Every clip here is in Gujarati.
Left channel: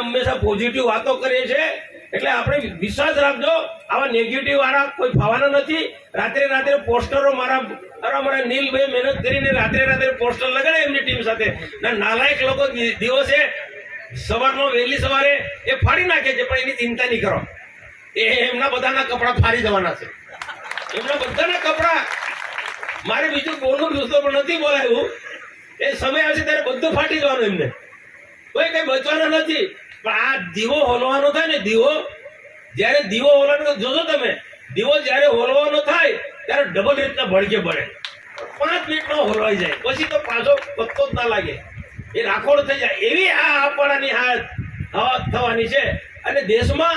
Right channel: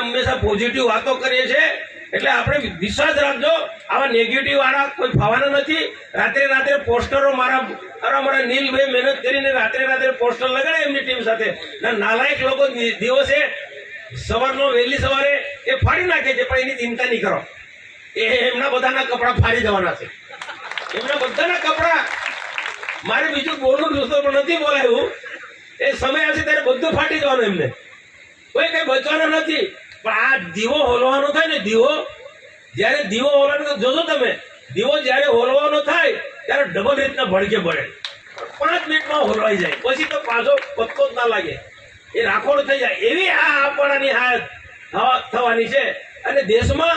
હંમેશા પોઝિટિવ વાતો કરીએ છીએ. એટલે આપણે વિશ્વાસ રાખજો, આવા નેગેટિવ વાળા કોઈ ફાવાના નથી. રાત્રે રાત્રે પોસ્ટરો મારા મારા મારા નીલભાઈ મહેનત કરીને રાત્રે રાત્રે પોસ્ટર લગાડે એમની ટીમ સાથે. નાલાયક લોકો દિવસે સવારનો વહેલી સવારે એ ફાડી નાખે છે, પણ એની ચિંતા નહીં કરો. એ એમના બધાના કપડાં ફાડી જવાના છે. એમના બધાના કપડાં મારે બીજું બોલવું જોતો પણ નથી બોલાયું. એ સમય આવશે ત્યારે બધું ફાટી જવાનું એમને. કોઈ કઈ બચવાનું નથી. પણ આ દીવો હોલવાનો થાય ને, દીવો, જ્યારે દીવો હોલવાનો જોજો તમે, દીવો જ્યારે હોલવાનો થાય, ત્યારે ડબલ રીતના ભડકે પડે. પાંચ મિનિટમાં હોલવાઈ જાય. પછી તો પાછો પત્તો જ ના લાગે. એ રાખોડ થઈ જાય. એવી આ આપણાની હાથ થવાની છે. અને દેશમાં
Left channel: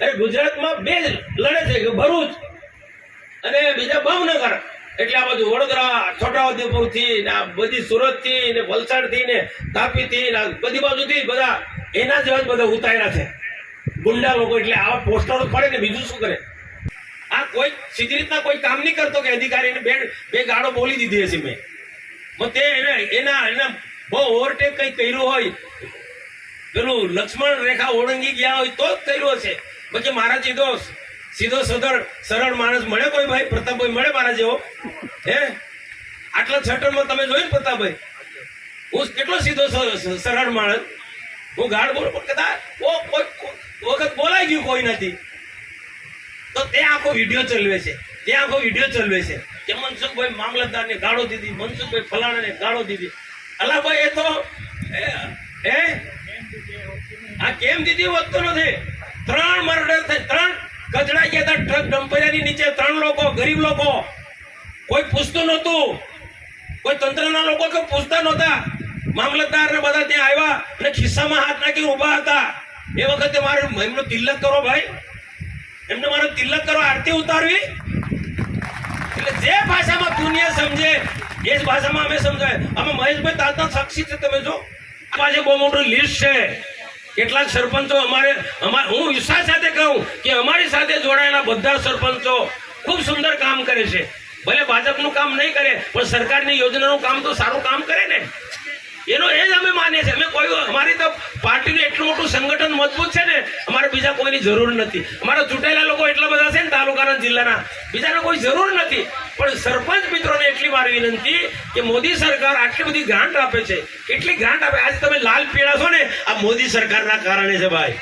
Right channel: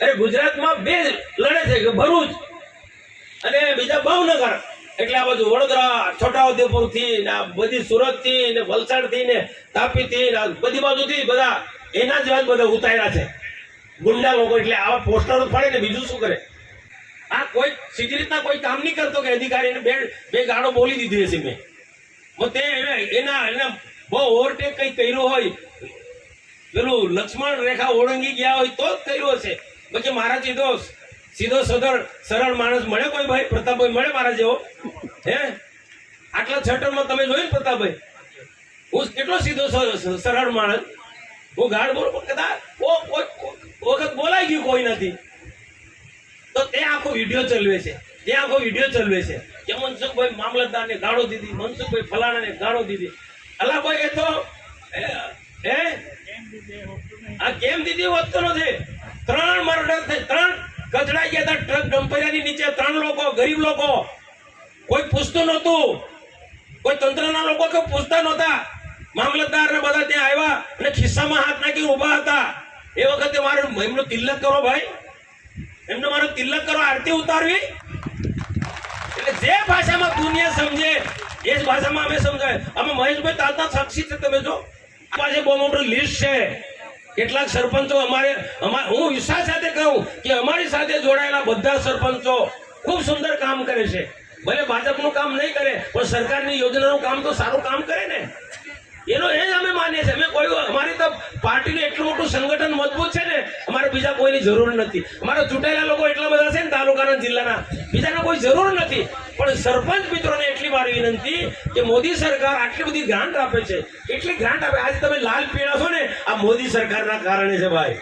અરે ગુજરાતમાં બે લડે છે કે ભરૂચ અને બીજા ભાવનગર. એટલે આ બધું વડોદરા છોટાઉદેપુરથી ને આ બધી સુરતથી ને વલસાડથી ને તાપી થી ને બધી બાજુથી બધા એના જ બધા ઉતાર્યા છે. ગુંડા લોકો એટલે આવા પોસ્ટરો પડે ને બીજું શું કરે? આ કોઈ સીધી રીતના કોઈ કામ નહીં કરતો કે અધિકારીને બે બે ગાડો બોલી દીધી હશે મેં. તે એના એના બહુ ઓવરટેક કંઈ કર્યું હોય, પેલું લક્ષ્મણ રેખા ઓળંગી ગયા હોય તો જ કર્યું હશે. પછી મારા સીધો સીધો સદર સરળ માણસ મળે કોઈ ભાઈ? પ્રતાપભાઈ મળે મારા જેવો? હે? આટલા છટરમાં તમે જોયું પ્રતાપભાઈ? હું કેટલો સીધો સરળ માણસ? હું ગાઢ બોલું પણ કદાચ વખત બોલાઈ ગયું કોઈ નથી. તો તે આખો વીડિયો ચલવે છે. તે આખો વીડિયો ચલવે છે. કે મનસુખભાઈ મામલતદારને ગાળો દીધી, મનસુખભાઈ ફલાણાને ગાળો દીધી. અલાભાઈ, એ તો હે? આ કેમ દીધી વધતો નથી? ત્રણ મર્ડર થઈ, ત્રણ કચડા ગયા હતા ટ્રક ડમ્પરિયાની નીચે ત્રણ લોકો, ગરીબ લોકો. કોઈ પૂછતું નહોતું. કોઈ તંત્રના લોકો કે પૂછતા નહોતા. મામલતદાર ને બધા ત્યાં આવ્યા અને ખિસ્સામાં હાથ નાખી ઊભા હતા. એ વખતે મારે એમનો તિલક કરો ભાઈ. એમને મારો તિલક કરો, આરતી ઉતારવી. એટલે જે ભાષામાં દુનિયા સમજે, એ જ ભાષામાં અમે સમજાય. આમાં મહેશભાઈ તાતા સાક્ષી છે તમે જો. પાસે બહુ મોટું લિસ્ટ છે. કેટલાક સરપંચો અમારે હું વિશ્વાસ સાથે કહું કે અમારી સાથે જોડાયેલા બધા સરપંચો ખૂબ સુંદર કામ કરે છે. ભલે ભાજપનું કામ નહીં કરે, પણ સરકારની યોજનાનું કામ તો સારું કામ કરે ને. એનો એ જ અમે માનીએ છીએ. અમે કોઈ અમારી તો પાર્ટીનું એટલું મોટું સંગઠન મજબૂત છે ને બીજા કોઈની જરૂર નથી. અમારા ચૂંટાયેલા લોકો એટલા બધા છે ને તાલુકાના જિલ્લાના. બીજાને કોઈ જરૂર નથી. પણ સરપંચ મિત્રોને એટલી વાર વિનંતી કે મોદી સરકાર આટલી બધી ગ્રાન્ટ આપે છે. કેટલી ગ્રાન્ટ આપે? આજે તમે લાલ પીળા છો ને, આ મોદી સરકારના કારણે છે ભાઈ.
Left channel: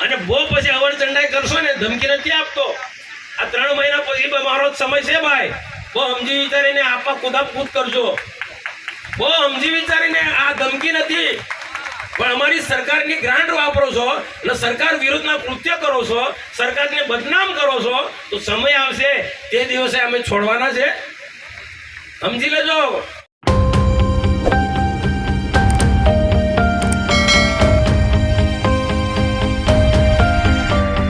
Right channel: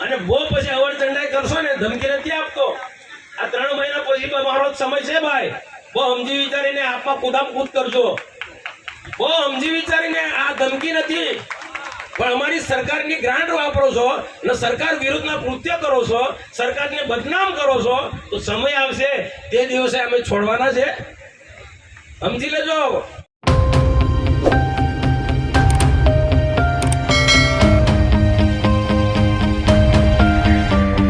અને બહુ પછી અવર ચંડાઈ કરશો ને, ધમકી નથી આપતો. આ ત્રણ મહિના પછી મારો સમય છે ભાઈ. બહુ સમજી વિચારીને આપવા કુદામ કૂદ કરજો. બહુ સમજી વિચારીને આ ધમકી નથી. પણ અમારી સરકારની ગ્રાન્ટ વાપરો છો અને સરકાર વિરુદ્ધના કૃત્ય કરો છો, સરકારને બદનામ કરો છો, તો સમય આવશે, તે દિવસે અમે છોડવાના છે. સમજી લેજો.